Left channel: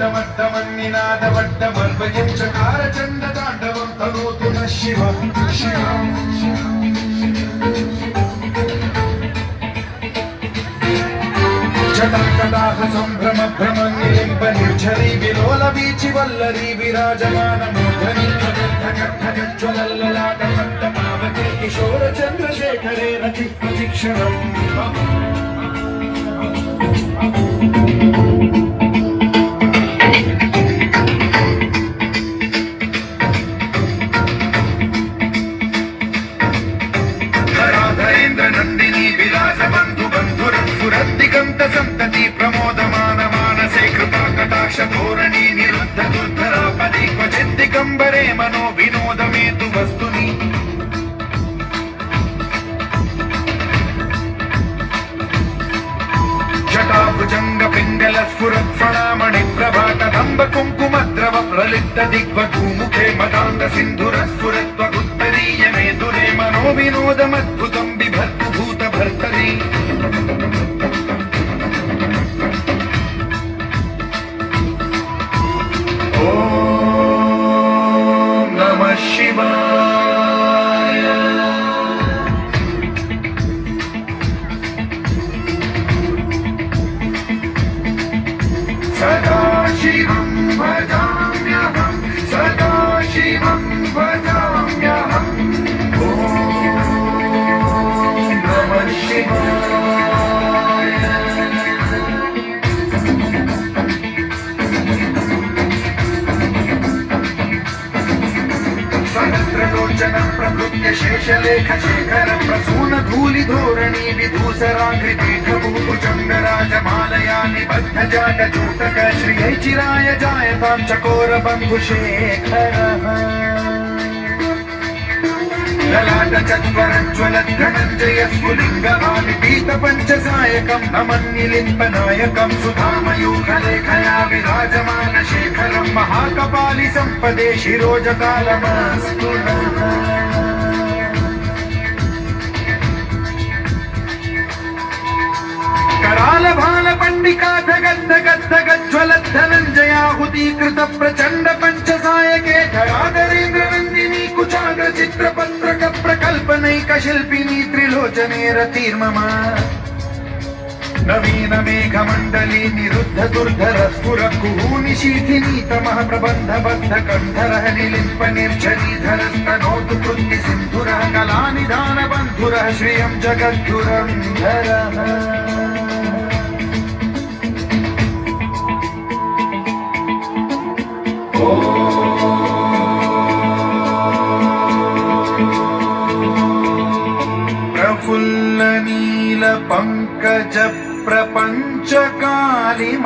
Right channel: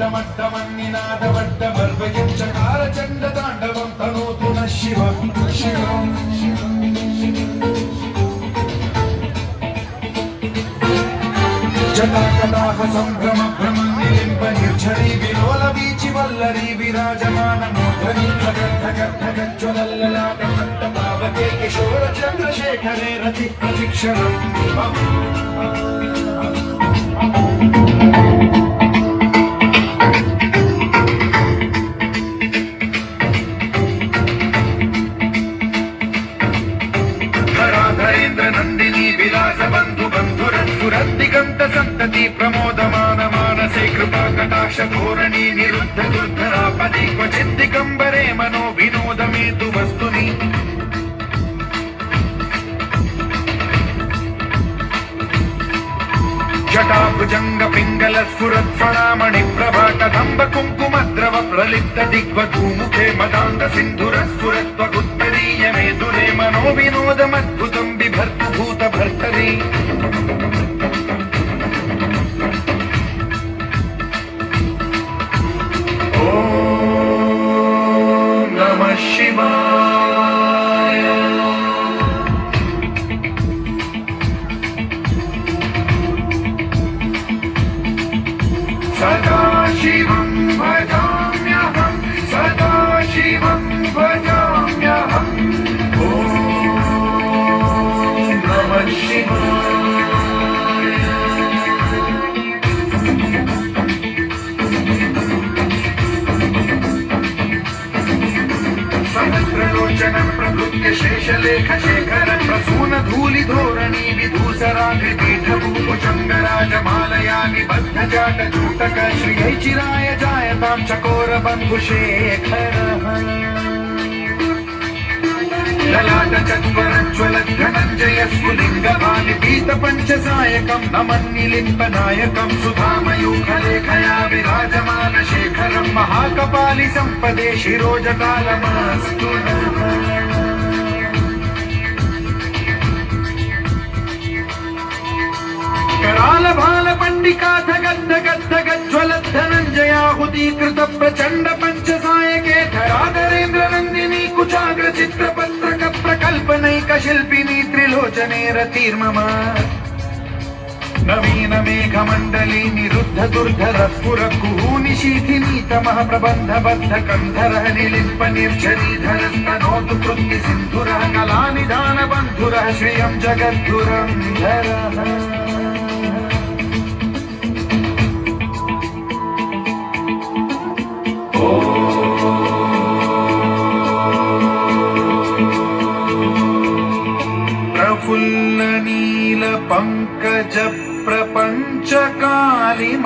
वड्डमन्निनादवड्डमर्वयं चकारचण्डताण्डवं तनोतु नः शिवं शिवम् जटाकटाह सम्भ्रम भ्रमन्निलिम्ब निर्झरी विलोल वीचि वल्लरी विराजमान मूर्धनि ज्वलल्ललाटमट्टपावके किशोर चन्द्रशेखरे रति प्रतिक्षणम् नंदिनी विलास बंधु बंधुरसुरद्दिगंत संतति प्रमोदमान मानसे कृपा कटाक्ष धोरणी निरुद्ध दुर्धरापदि क्वचित् दिगंबरे मनो विनोद मेतु वस्तुनि जटाभुजंग पिंगल स्फुरत्फणामणि प्रभा कदंब कुंकुमद्रव प्रलिप्त दिग्वधूमुखे मदान्त सिंधुर स्फुरत्वगुत्तरीय मेदुरे मनो विनोदमद्भुतं बिभर्तु भूत भर्तरि ॐ नमः शिवाय सदाशिवं भजाम्यहं सदाशिवं भजाम्यहम् ॐ नमः शिवाय सहस्रलोचन प्रभृत्य शेषलेख शेखर प्रसून धूलि धोरणी विधूसराभिपीठभूभुजङ्गराजमालया निबद्ध जाट चूटक श्रियै चिराय जायतां चकोर बन्धुशेखरः ललाट चत्वरज्वल धनञ्जय स्फुलिङ्गभानि पीत पञ्चसायकं नमन्निलिम्पनायकं सुधामयूखलेखया विराजमान शेखरं महाकपालि सम्पदे शिरोजटालमस्तु कराल भाल पंडिका धगद्ध गद्ध गज्ज्वलत् धनञ्जयाहुतीकृत प्रचण्ड पञ्चसायके धराधरेन्द्र नन्दिनी कुचाग्र चित्रपत्रक प्रकल्पनैक शिल्पिनी त्रिलोचने रतिर्मम नवीन मेघमण्डली निरुद्ध दुर्धर स्फुर कुहूनि शीथिनी तमः प्रबन्ध बद्ध कन्धरः निलिम्प निर्झरीधरस्तनोतु कृत्ति सिन्धुरः कलानिधान बन्धुरः श्रियं जगद्धुरन्धरः प्रफुल्ल नील पंकज प्रपंच कालिम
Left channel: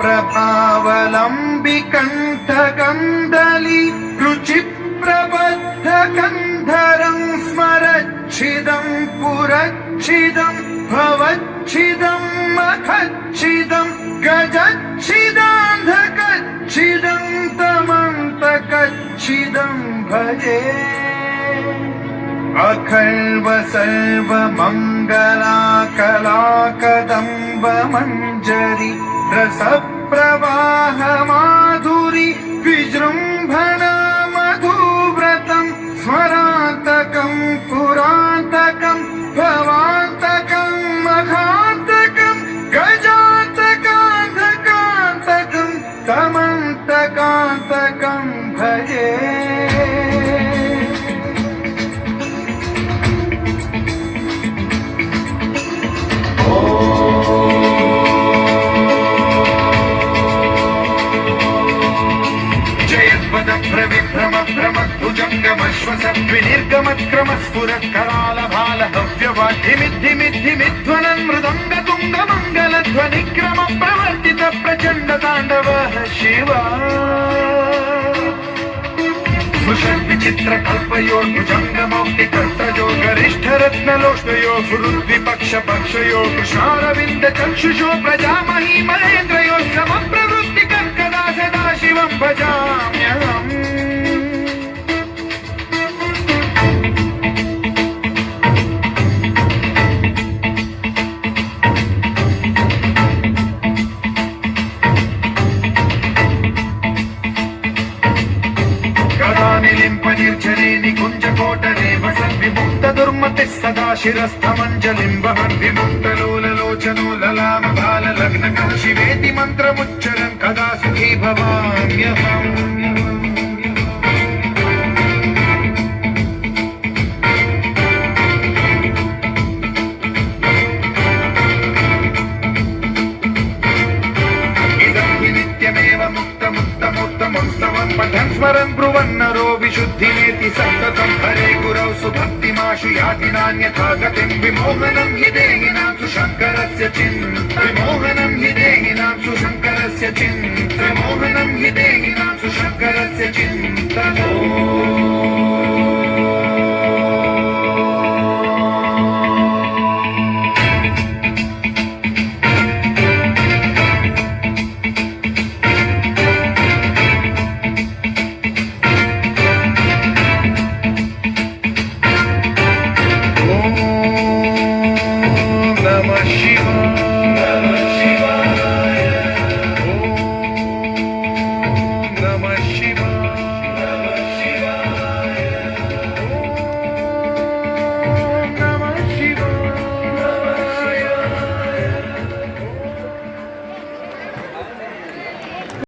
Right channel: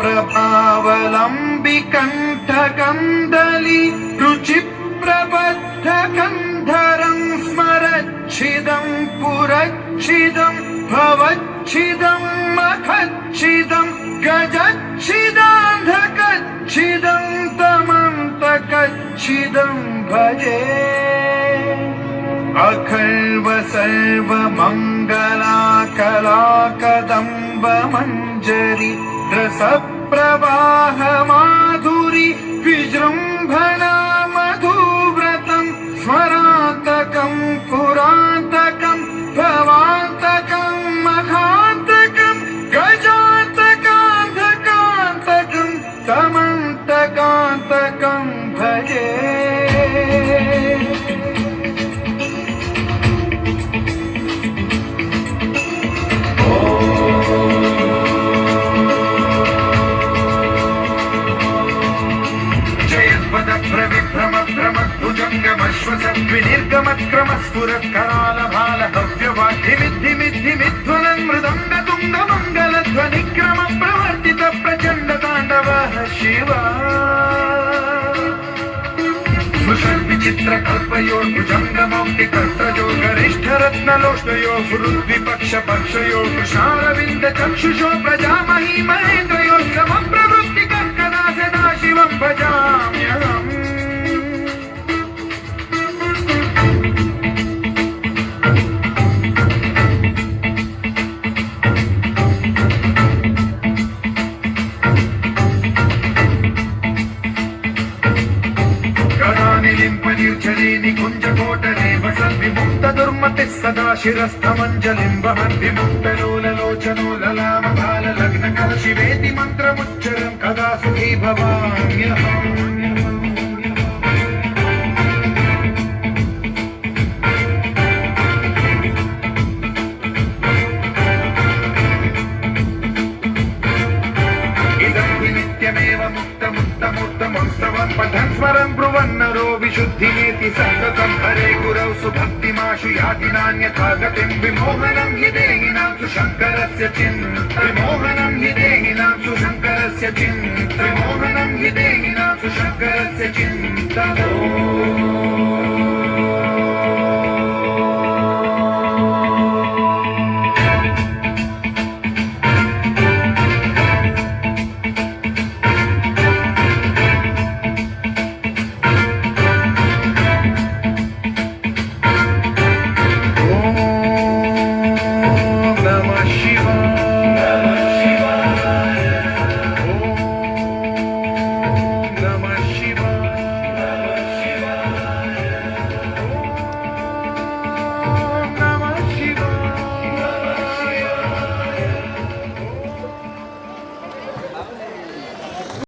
प्रभावलंबि कंठ कंदली रुचि प्रबद्ध कंधरं स्मरच्छिदं पुरच्छिदं भवच्छिदं मखच्छिदं गजच्छिदान्धकच्छिदं तमन्तकच्छिदं भजे अखल्व सर्व मंगला कला कदम्ब मंजरी रस प्रवाह माधुरी विजृंभणा मधुव्रतं स्मरान्तकं पुरान्तकं भवान्तकं मघान्तकं गजान्तकान्तकान्तकं तमन्तकान्तकं भजे विनिर्गमत्क्रमस्फुरत्कराल भाल हव्यवाद्धिमिद्धिमिद्धिमिद्धुनं मृदङ्ग तुङ्ग मङ्गलध्वनिक्रम प्रवर्तित प्रचण्ड ताण्डवः शिवा विचित्र कल्पयो भुजङ्गमौक्ति कर्तयो गरिष्ठ रत्नलोष्टयो गुरुद्विपक्ष पक्षयो कुशारविन्द चक्षुषो प्रजामही महेन्द्रयो समप्रवृत्ति कर्कदा सदा शिवं भजाम्यहम् సమ్మతిः సదా శిరస్థమంజలిం వహన్ విముక్తలోలలోచనో లలామ బాలలగ్నకర శివేతి మంత్రముచ్చరం కదా సుఖీ భవామ్యహం. స్మరం బ్రువన్నరో విశుద్ధినేతి సంగతం హరే గురౌ సుభక్తిమాశు యాతి నాన్యథా గతిం విమోహనం హి దేహినాం శంకరస్య చిన్ విమోహనం హి దేహినాం శంకరస్య చిన్